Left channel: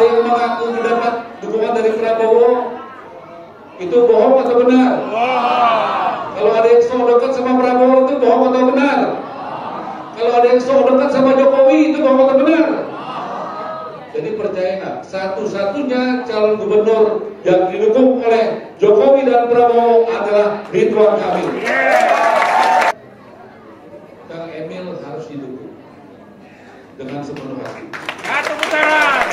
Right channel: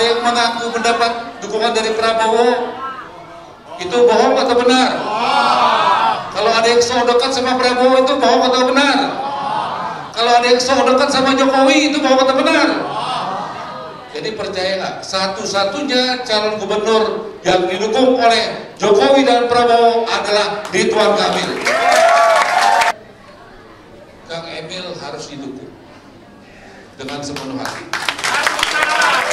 ada yang mengaku mendapat dukungan dari Prabowo, itu bohong atau benar? Kalau ada yang so dekat sama Prabowo, itu bohong atau benar? Kalau ada yang so dekat sama Jokowi, itu bohong atau benar? Jadi percaya nggak? Satu-satunya calon gubernur yang didukung oleh Jokowi dan Prabowo adalah Ridwan Kamil. Kang Emil harus didukung dengan sepenuh hati. Satu putaran.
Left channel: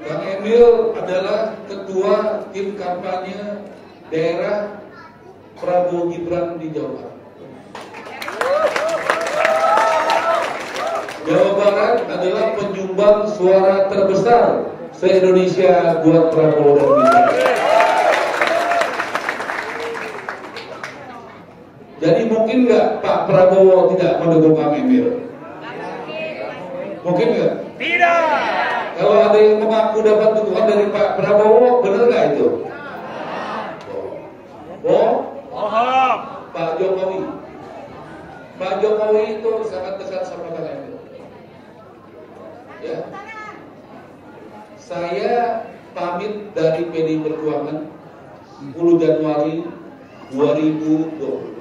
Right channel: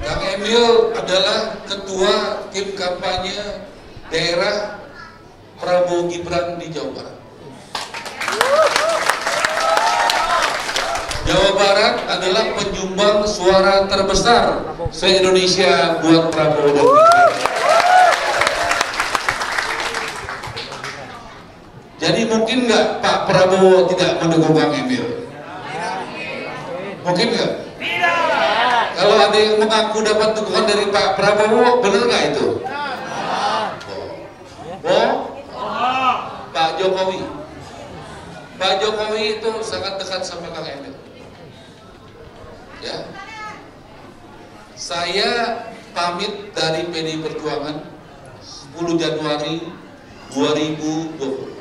Kang Emil adalah ketua tim kampanye daerah Prabowo Gibran di Jawa Barat. Jawa Barat adalah penyumbang suara terbesar se-Indonesia buat Prabowo dan Gibran. Jadi mungkin nggak Pak Prabowo tidak mendukung Kang Emil? Mungkin nggak? Tidak. Kalau ada yang mengaku dapat dukungan dari Pak Prabowo, benar nggak itu? Bohong? Pak Jokowi. Pak Jokowi itu sangat dekat sama Kang Emil. Ya. Saya pamit dari PDI Perjuangan 10 Januari 2020.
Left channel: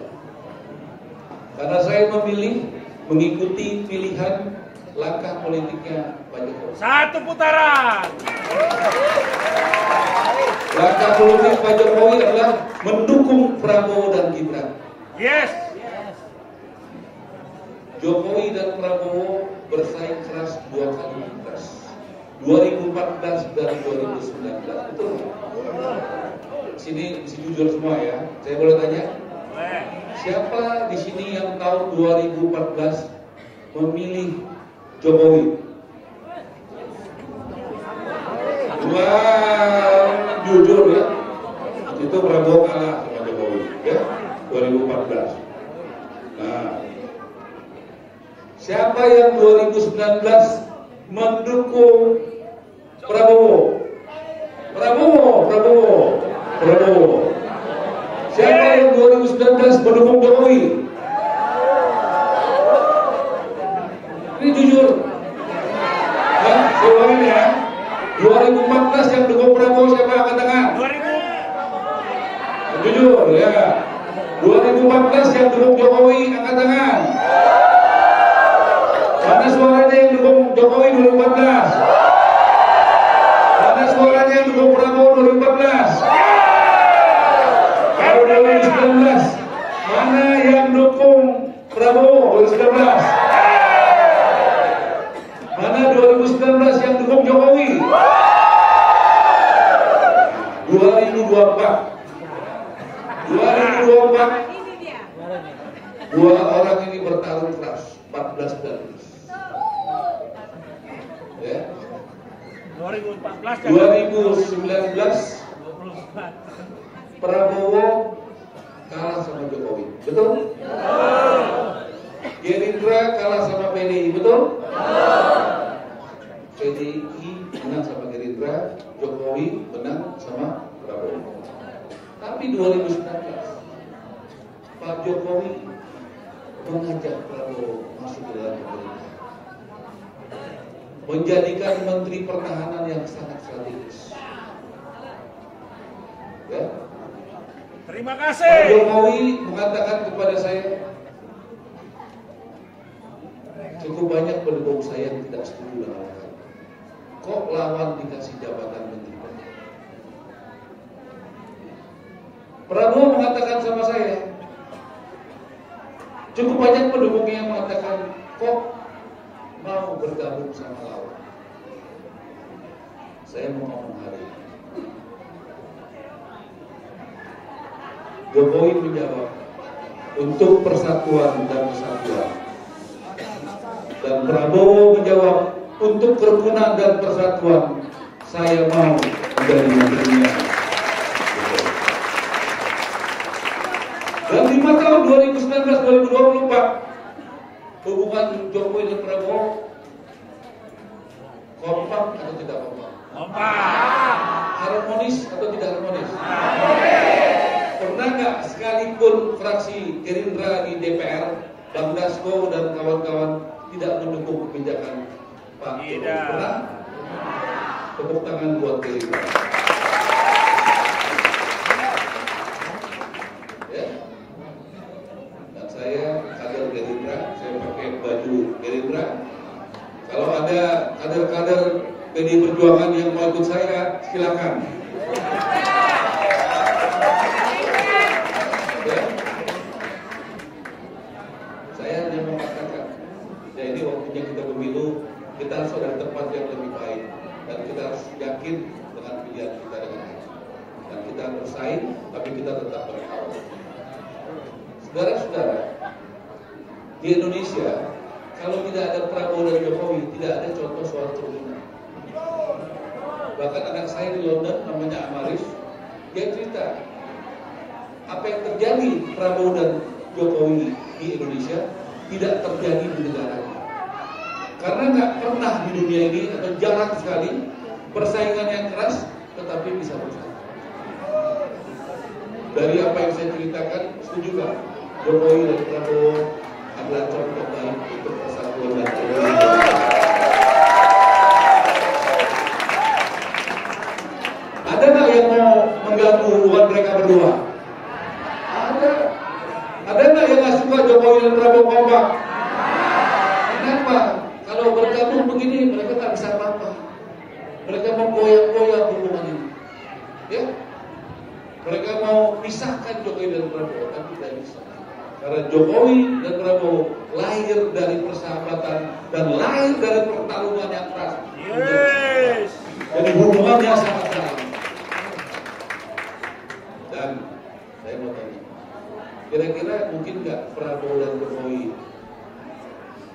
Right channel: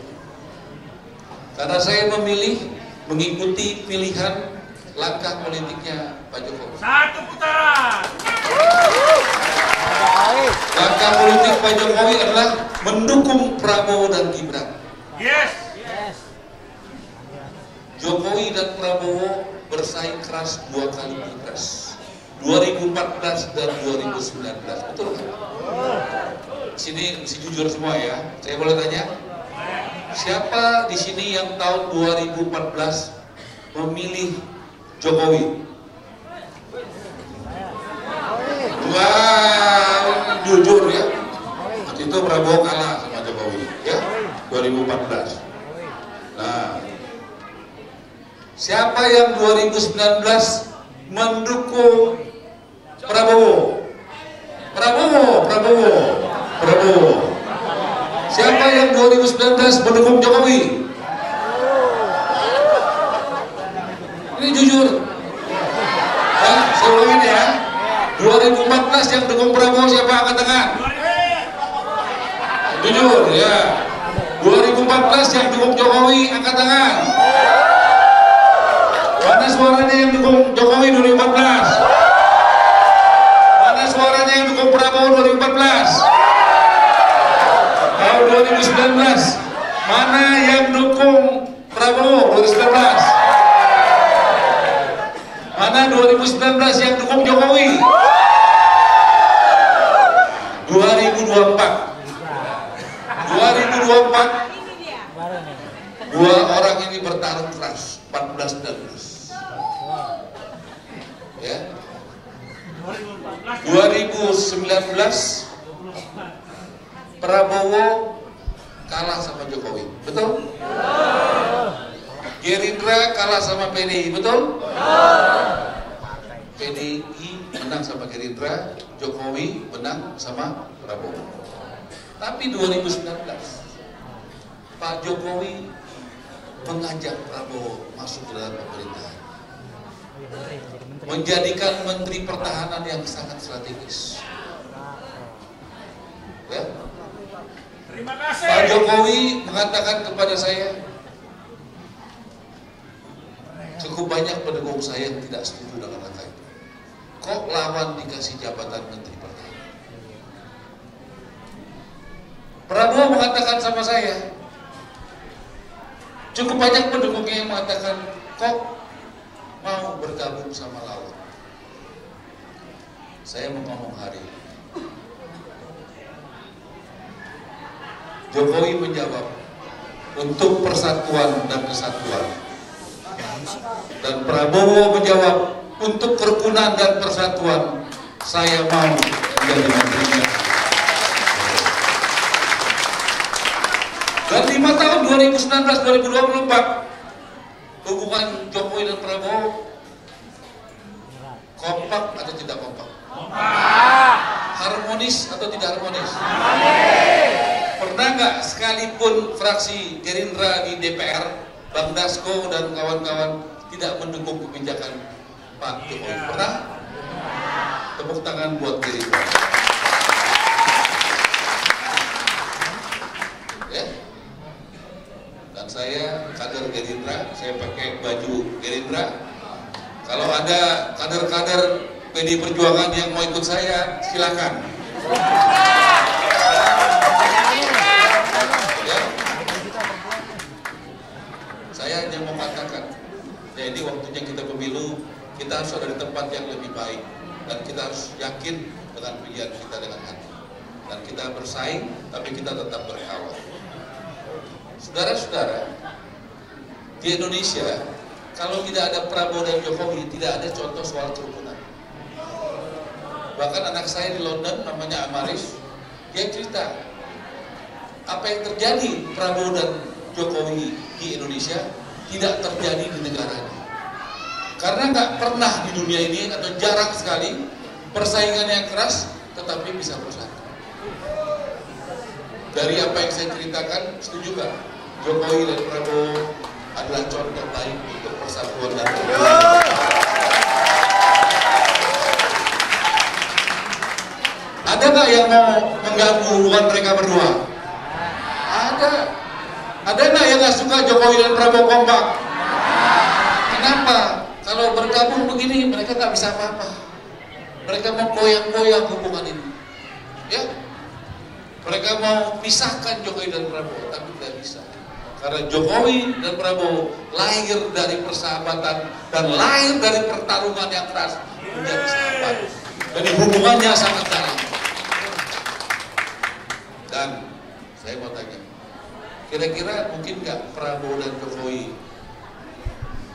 Karena saya memilih mengikuti pilihan langkah politiknya Pak Jokowi. Satu putaran. Langkah politik Pak Jokowi adalah mendukung Prabowo dan Gibran. Yes. Jokowi dan Prabowo bersaing keras 2 kali pilpres, 2014 dan 2019, betul nggak? Sini mesti jujur semua ya. Saya boleh tanya? Siapa di sini yang tahun 2014 memilih Jokowi? Wah, jujur ya. Itu Prabowo kalah sama Jokowi, ya, 2014. Nah, siapa yang 2019 mendukung Prabowo? Prabowo. Siapa yang 2019 mendukung Jokowi? Ini jujur. Ya, saya ulangin ya. 2014 yang dukung Prabowo siapa? Angkat tangan. Jujur ya. 2014 yang dukung Jokowi angkat tangan. Mana suaranya yang dukung Jokowi 2014? Mana suaranya yang dukung Prabowo 2014? Tahun 2019, mana yang dukung Prabowo 2019? Mana 2019 yang dukung Jokowi? 2024. 2024 dua orang ini bertarung keras, 14-19. Ya. 2019 Prabowo kalah sama Jokowi, betul? Gerindra kalah sama PDI, betul? PDI menang sama Gerindra, Jokowi menang sama Prabowo. Tapi 2019 Pak Jokowi mengajak Prabowo masuk ke dalam pemerintahan, menjadikan Menteri Pertahanan yang sangat strategis. Ya. Terima kasih. Pak Jokowi mengatakan kepada saya, cukup banyak pendukung saya yang tidak setuju dengan langkah itu. Kok lawan dikasih jabatan Menteri Pertahanan? Prabowo mengatakan sama saya, cukup banyak pendukungnya yang mengatakan, kok mau bergabung sama lawan? Saya mau ngomong hari ini. Jokowi menjawab, untuk persatuan dan kesatuan. Dan Prabowo menjawab, untuk kerukunan dan persatuan, saya mau menjadi menterinya. Dan 5 tahun 2019-2024 hubungan Jokowi dan Prabowo kompak atau tidak kompak? Kompak. Harmonis atau tidak harmonis? Pernah nggak sekalipun fraksi Gerindra di DPR, Bang Dasko dan kawan-kawan tidak mendukung kebijakan Pak Jokowi? Pernah? Tepuk tangan buat Gerindra. Ya. Dan saya kader Gerindra, saya pakai baju Gerindra. Kalau ada kader-kader PDI Perjuangan yang mau ikut saya, silakan. Ya. Saya hanya mau katakan, ya ini waktunya kita pemilu, kita harus ada di tempat yang lebih baik, dan kita harus yakin dengan pilihan kita dengan hati. Dan kita bersaing, tapi kita tetap berkawan. Saudara-saudara, di Indonesia, kalau tidak ada Prabowo dan Jokowi, tidak ada contoh soal kerukunan. Bahkan anak saya di London, namanya Amaris, dia cerita, apa yang terjadi Prabowo dan Jokowi di Indonesia tidak terjadi di negaranya. Karena nggak pernah di dunia ini, atau jarang sekali, persaingan yang keras tetapi bisa bersatu. Dari apa yang saya ceritakan, setuju nggak? Jokowi dan Prabowo adalah contoh baik untuk persatuan dan kerukunan. Ada nggak yang mau mengganggu hubungan mereka berdua? Ada. Ada nggak yang nggak suka Jokowi dan Prabowo kompak? Kenapa? Kalau bergabung begini mereka nggak bisa apa-apa. Mereka mau koyak-koyak hubungan ini, ya. Mereka mau pisahkan Jokowi dan Prabowo, tapi tidak bisa. Karena Jokowi dan Prabowo lahir dari persahabatan dan lahir dari pertarungan yang keras menjadi sahabat. Jadi hubungannya sangat dalam. Dan saya mau tanya, kira-kira mungkin nggak Prabowo dan Jokowi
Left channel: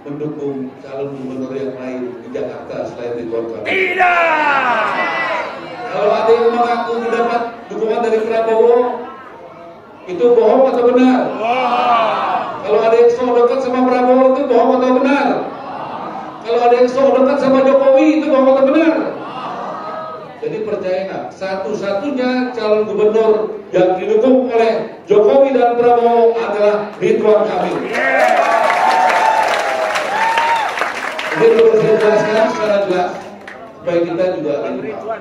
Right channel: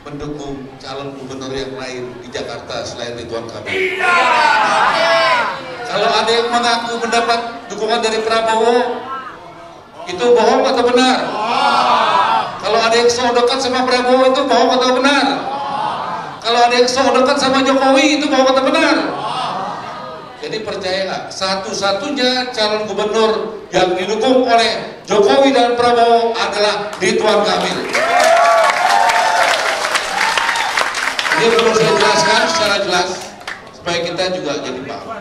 mendukung calon gubernur yang lain di Jakarta selain Ridwan Kamil? Tidak. Kalau ada yang mengaku mendapat dukungan dari Prabowo, itu bohong atau benar? Kalau ada yang so dekat sama Prabowo, itu bohong atau benar? Kalau ada yang so dekat sama Jokowi, itu bohong atau benar? Jadi percaya nggak? Satu-satunya calon gubernur yang didukung oleh Jokowi dan Prabowo adalah Ridwan Kamil. Ini perlu saya jelaskan secara jelas supaya kita juga jadi paham.